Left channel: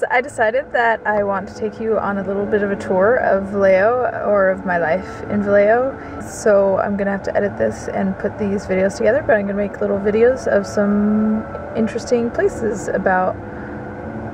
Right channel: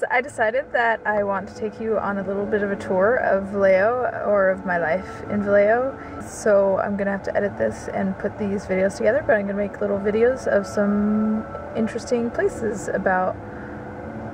guys, I decided that I want to take you on a little bit of a tour of Vallejo, or of my life in Vallejo. So I'm gonna have to edit this and put these videos together, but I'm gonna make little videos of some interesting places about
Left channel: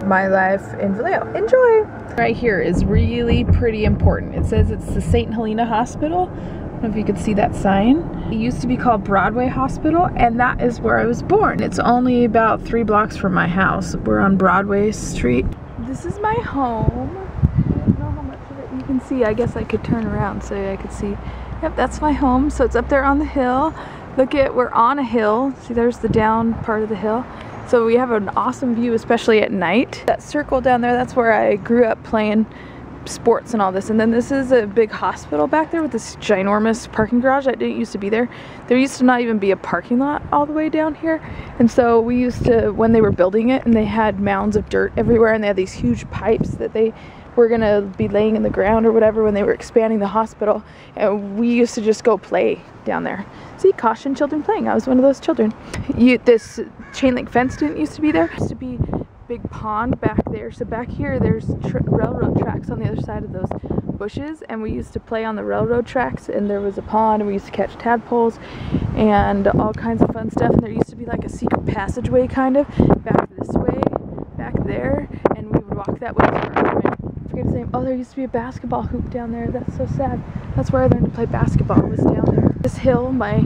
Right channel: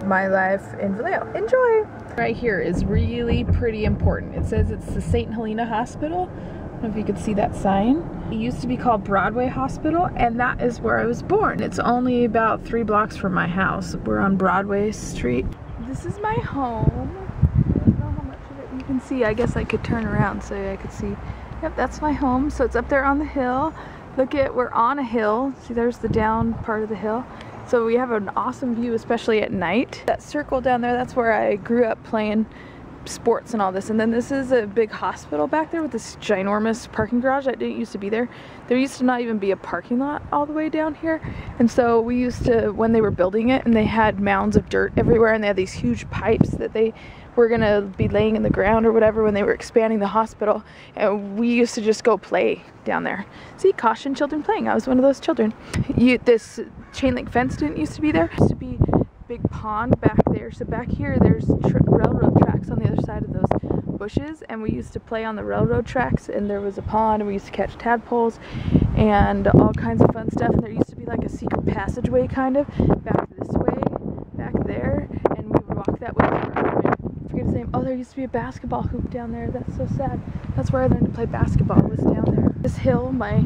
my life in Vallejo. Enjoy! Right here is really pretty important. It says it's the St. Helena Hospital. I don't know if you could see that sign. It used to be called Broadway Hospital, and that is where I was born. It's only about 3 blocks from my house. We're on Broadway Street. This is my home. I don't know how much of it you can see. I guess I could turn around so I could see. Yep, that's my home. So it's up there on the hill. Look at, we're on a hill. See, there's the down part of the hill. So we have an awesome view, especially at night. That circle down there, that's where I grew up playing sports and all this. And then this is a big hospital back there with this ginormous parking garage that didn't used to be there. There used to not even be a parking lot all the way down here. And so we used to, when they were building it, and they had mounds of dirt everywhere, and they had these huge pipes that they were gonna be laying in the ground or whatever when they were expanding the hospital, and we used to just go play down there. See, caution children playing. I was one of those children. This chain link fence didn't used to be there. It used to be big pond back there. So back here there's railroad tracks on the other side of those bushes, and we used to play on the railroad tracks, and there was a pond, and we used to catch tadpoles and all kinds of fun stuff. And there used to be like a secret passageway kind of back this way, back there, and we would walk that way to where I went. I forget his name. Oh, there used to be a basketball hoop down there. That's so sad. That's where I learned to play basketball, was down there. This hill, my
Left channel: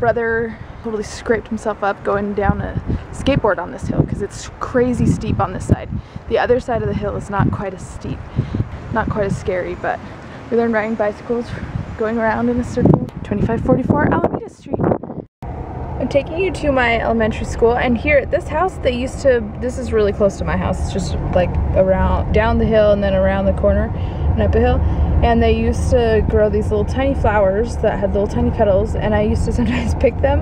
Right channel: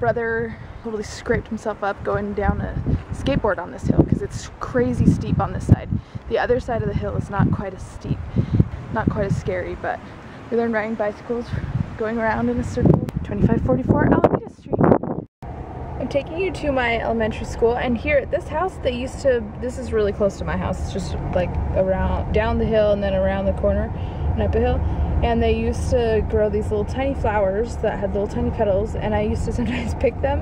brother totally scraped himself up going down a skateboard on this hill because it's crazy steep on this side. The other side of the hill is not quite as steep, not quite as scary, but we learned riding bicycles going around in a circle. 2544 Alameda Street. I'm taking you to my elementary school, and here at this house they used to, this is really close to my house, it's just like around, down the hill and then around the corner and up a hill. And they used to grow these little tiny flowers that had little tiny petals, and I used to sometimes pick them,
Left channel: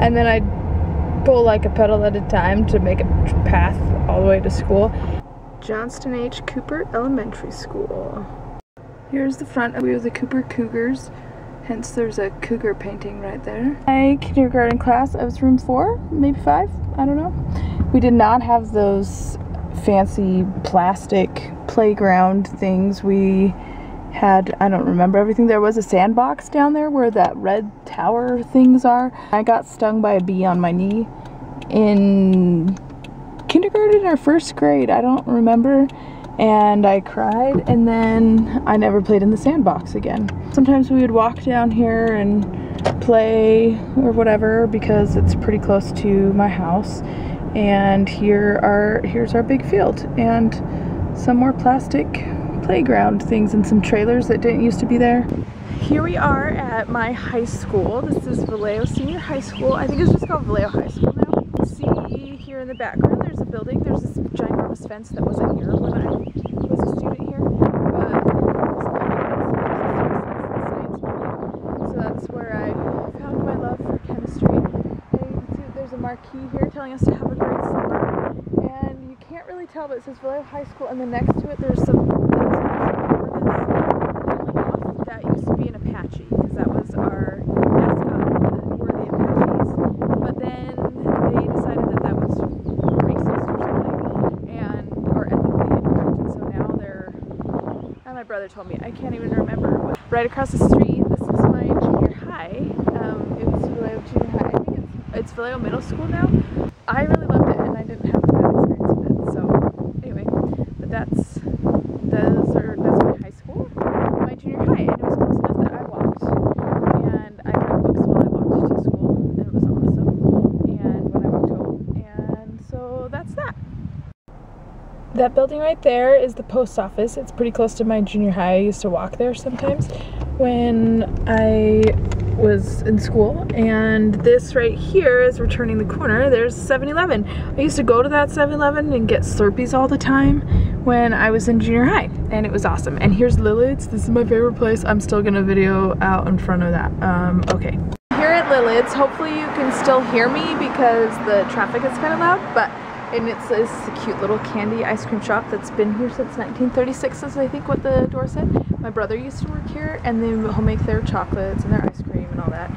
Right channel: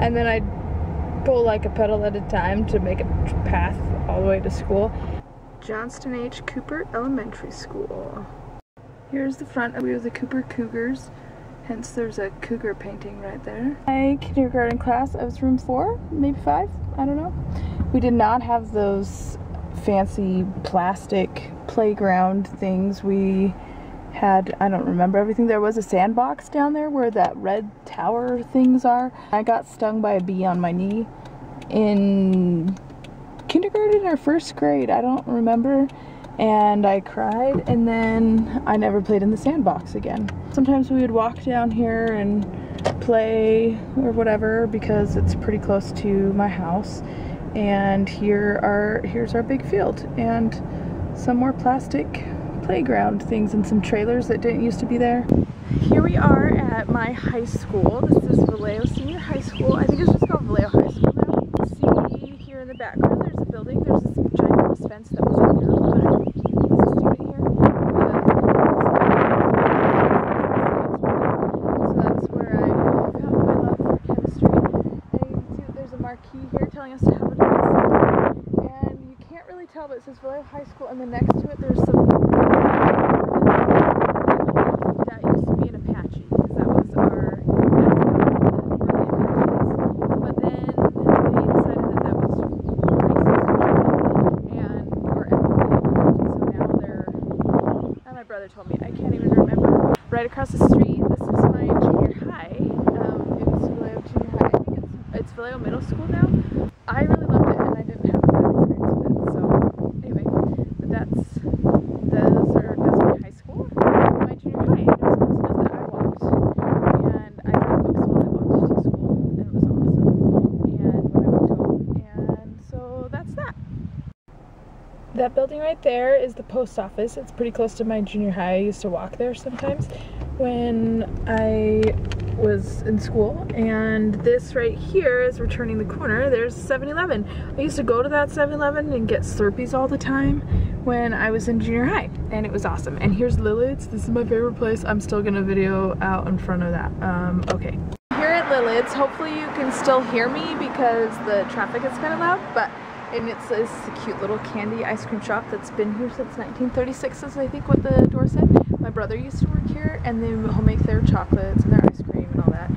and then I'd pull like a petal at a time to make a path all the way to school. Johnston H. Cooper Elementary School. Here's the front. We were the Cooper Cougars, hence there's a cougar painting right there. My kindergarten class, I was room 4, maybe 5, I don't know. We did not have those fancy plastic playground things. We had, I don't remember everything. There was a sandbox down there where that red tower things are. I got stung by a bee on my knee in kindergarten or 1st grade, I don't remember, and I cried, and then I never played in the sandbox again. Sometimes we would walk down here and play or whatever because it's pretty close to my house, and here's our big field and some more plastic playground things and some trailers that didn't used to be there. Here we are at my high school. This is Vallejo Senior High School. I think it's just called Vallejo High School now. You see here in the background there's a building. There's this ginormous fence that wasn't here when I was a student here, but so that's where I found my love for chemistry. And you can see that there's a marquee here telling us to have a great summer. And you can't really tell, but it says Vallejo High School, and then next to it there's some that used to be an Apache, because that was our mascot, were the Apaches. But then they decided that that was racist or something, or ethically incorrect, and so now they're, and my brother told me, I can't even remember. Right across the street, this is my junior high. It was Vallejo Junior High. I think it's Vallejo Middle School now. I really loved it, and I didn't have a bad experience with it. So anyway, but that's my high school, my junior high, and it was close enough that I walked, and I read books while I walked to school, and it was awesome. And when I walked home, and so that's that. That building right there is the post office. It's pretty close to my junior high. I used to walk there sometimes when I was in school, and this right here is returning the corner. There's 7-Eleven. I used to go to that 7-Eleven and get Slurpees all the time when I was in junior high, and it was awesome. And here's Lilith's. This is my favorite place. I'm still gonna video out in front of that. Okay. Here at Lilith's, hopefully you can still hear me because the traffic is kind of loud, but and it's a cute little candy ice cream shop that's been here since 1936 is I think what the door said. My brother used to work here, and he'll make their chocolates and their ice cream and all that.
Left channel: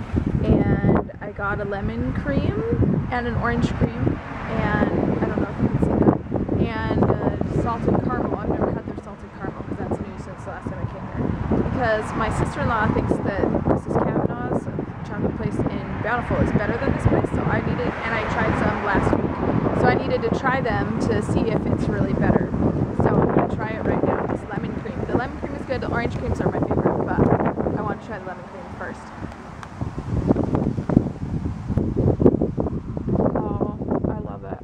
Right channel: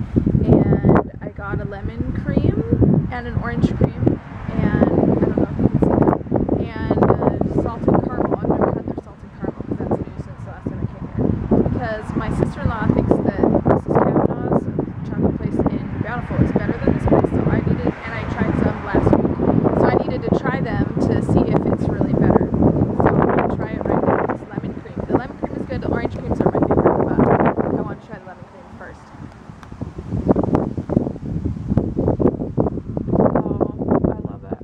And I got a lemon cream and an orange cream, and I don't know if you can see that, and salted caramel. I've never had their salted caramel because that's new since the last time I came here. Because my sister-in-law thinks that Mrs. Kavanaugh's chocolate place in Bountiful is better than this place, so I needed, and I tried some last week, so I needed to try them to see if it's really better. So I'm going to try it right now. This lemon cream. The lemon cream is good. The orange creams are my favorite, but I want to try the lemon cream first. Oh, I love it.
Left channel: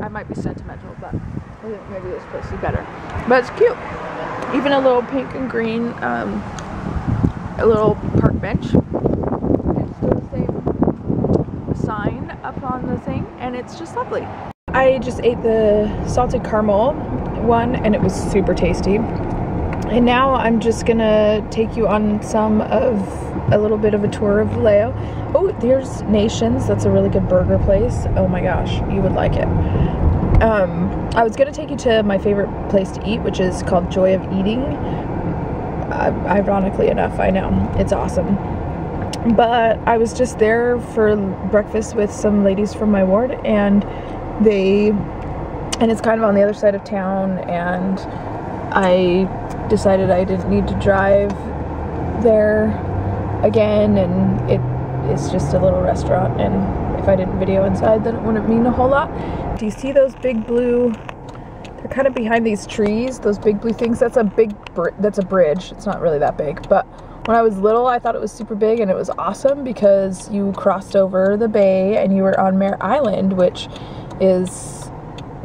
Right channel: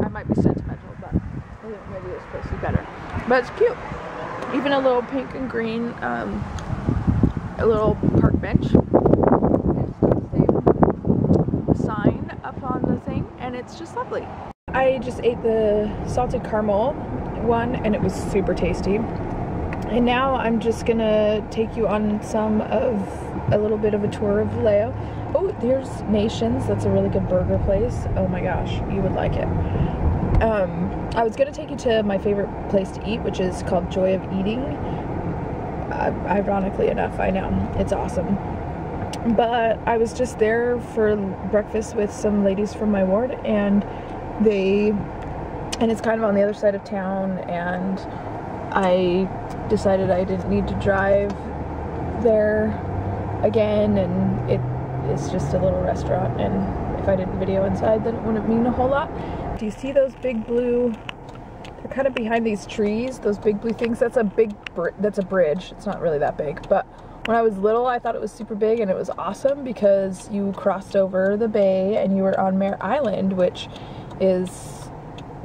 I might be sentimental, but I think maybe this place is better. But it's cute. Even a little pink and green, a little park bench. It's still the same sign up on the thing, and it's just lovely. I just ate the salted caramel one, and it was super tasty. And now I'm just gonna take you on a little bit of a tour of Vallejo. Oh, there's Nations. That's a really good burger place. Oh my gosh, you would like it. I was gonna take you to my favorite place to eat, which is called Joy of Eating. Ironically enough, I know, it's awesome. But I was just there for breakfast with some ladies from my ward, and it's kind of on the other side of town, and I decided I didn't need to drive there again, and it's just a little restaurant, and if I didn't video inside, then it wouldn't mean a whole lot. Do you see those big blue, they're kind of behind these trees, those big blue things? That's a bridge. It's not really that big, but when I was little, I thought it was super big, and it was awesome because you crossed over the bay and you were on Mare Island, which is,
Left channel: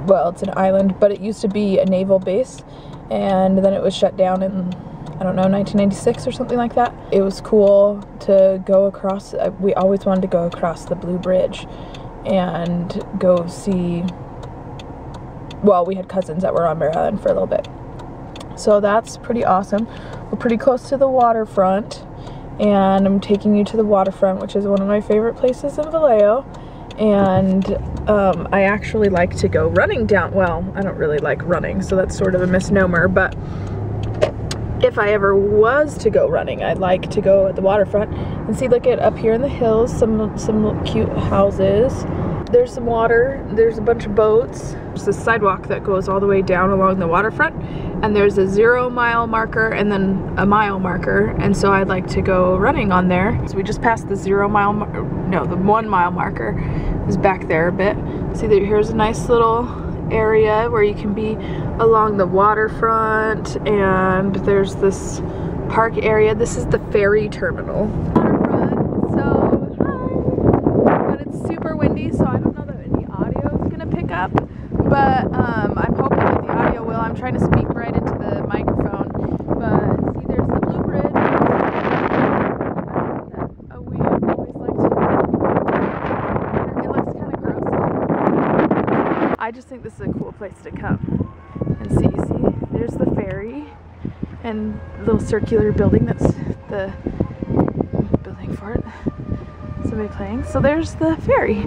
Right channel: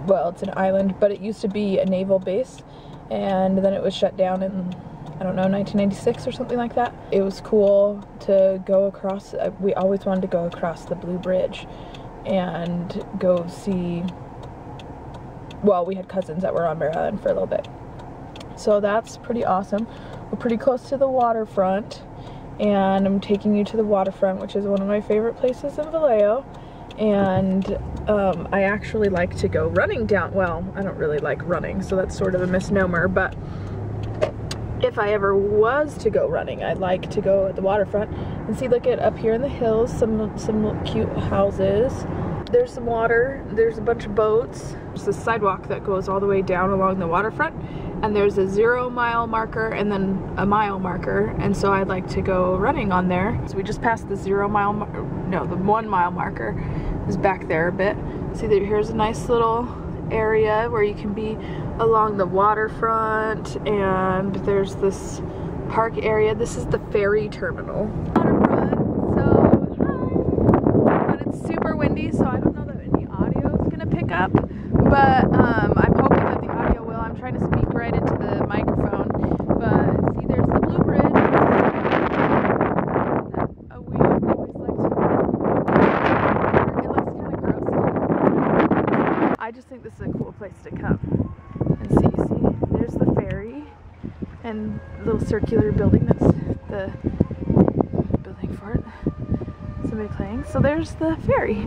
well, it's an island, but it used to be a naval base, and then it was shut down in, I don't know, 1996 or something like that. It was cool to go across. We always wanted to go across the Blue Bridge and go see, well, we had cousins that were on Mare Island for a little bit. So that's pretty awesome. We're pretty close to the waterfront, and I'm taking you to the waterfront, which is one of my favorite places in Vallejo. And I actually like to go running down, well, I don't really like running, so that's sort of a misnomer, but if I ever was to go running, I'd like to go at the waterfront and see, look at up here in the hills, some cute houses. There's some water, there's a bunch of boats. There's a sidewalk that goes all the way down along the waterfront, and there's a 0 mile marker and then a mile marker, and so I'd like to go running on there. So we just passed the 0 mile, no, the 1 mile marker is back there a bit. See, here's a nice little area where you can be along the waterfront, and there's this park area. This is the ferry terminal. Waterfront, so hi! But it's super windy, so I don't know that any audio is gonna pick up, but I'm hoping that the audio will. I'm trying to speak right into the microphone, but see, there's the Blue Bridge. We always liked. It looks kind of gross. I just think this is a cool place to come and see. See, there's the ferry and little circular building. That's the building for it. Somebody playing. So there's the ferry.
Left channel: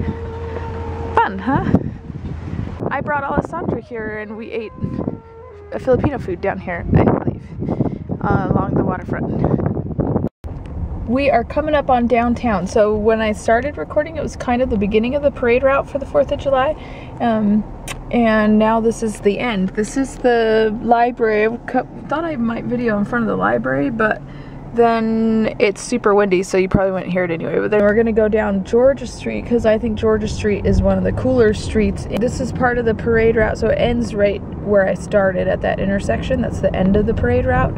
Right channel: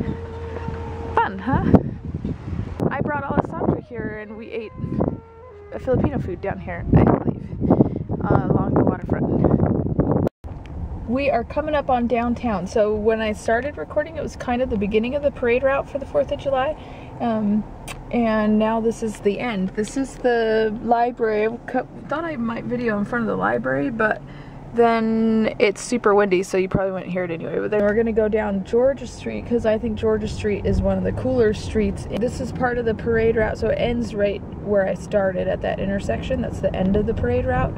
Fun, huh? I brought Alessandra here, and we ate a Filipino food down here, I believe, along the waterfront. We are coming up on downtown. So when I started recording, it was kind of the beginning of the parade route for the 4th of July. And now this is the end. This is the library. I thought I might video in front of the library, but then it's super windy, so you probably wouldn't hear it anyway. But then we're gonna go down Georgia Street, because I think Georgia Street is one of the cooler streets. This is part of the parade route, so it ends right where I started at that intersection. That's the end of the parade route.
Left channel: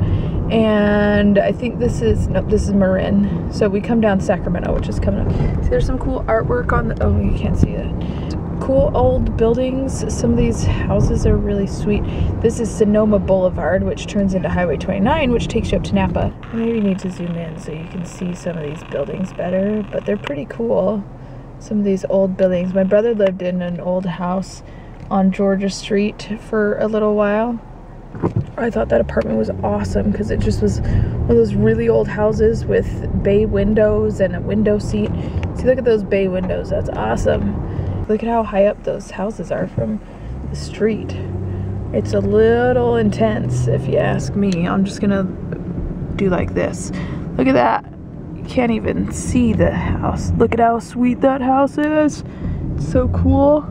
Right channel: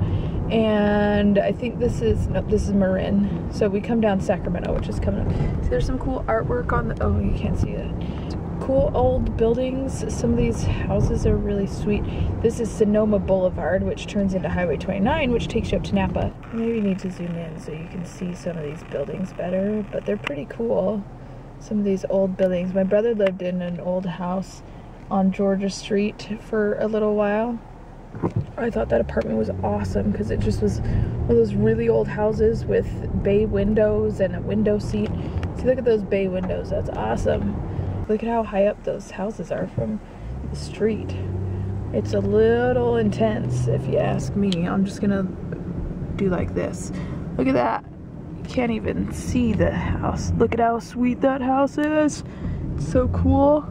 And I think this is Marin. So we come down Sacramento, which is coming up. See, there's some cool artwork on the, oh, you can't see that. Cool old buildings. Some of these houses are really sweet. This is Sonoma Boulevard, which turns into Highway 29, which takes you up to Napa. I maybe need to zoom in so you can see some of these buildings better, but they're pretty cool. Some of these old buildings. My brother lived in an old house on Georgia Street for a little while. I thought that apartment was awesome because it just was one of those really old houses with bay windows and a window seat. See, look at those bay windows. That's awesome. Look at how high up those houses are from the street. It's a little intense, if you ask me. I'm just gonna do like this. Look at that. You can't even see the house. Look at how sweet that house is. It's so cool.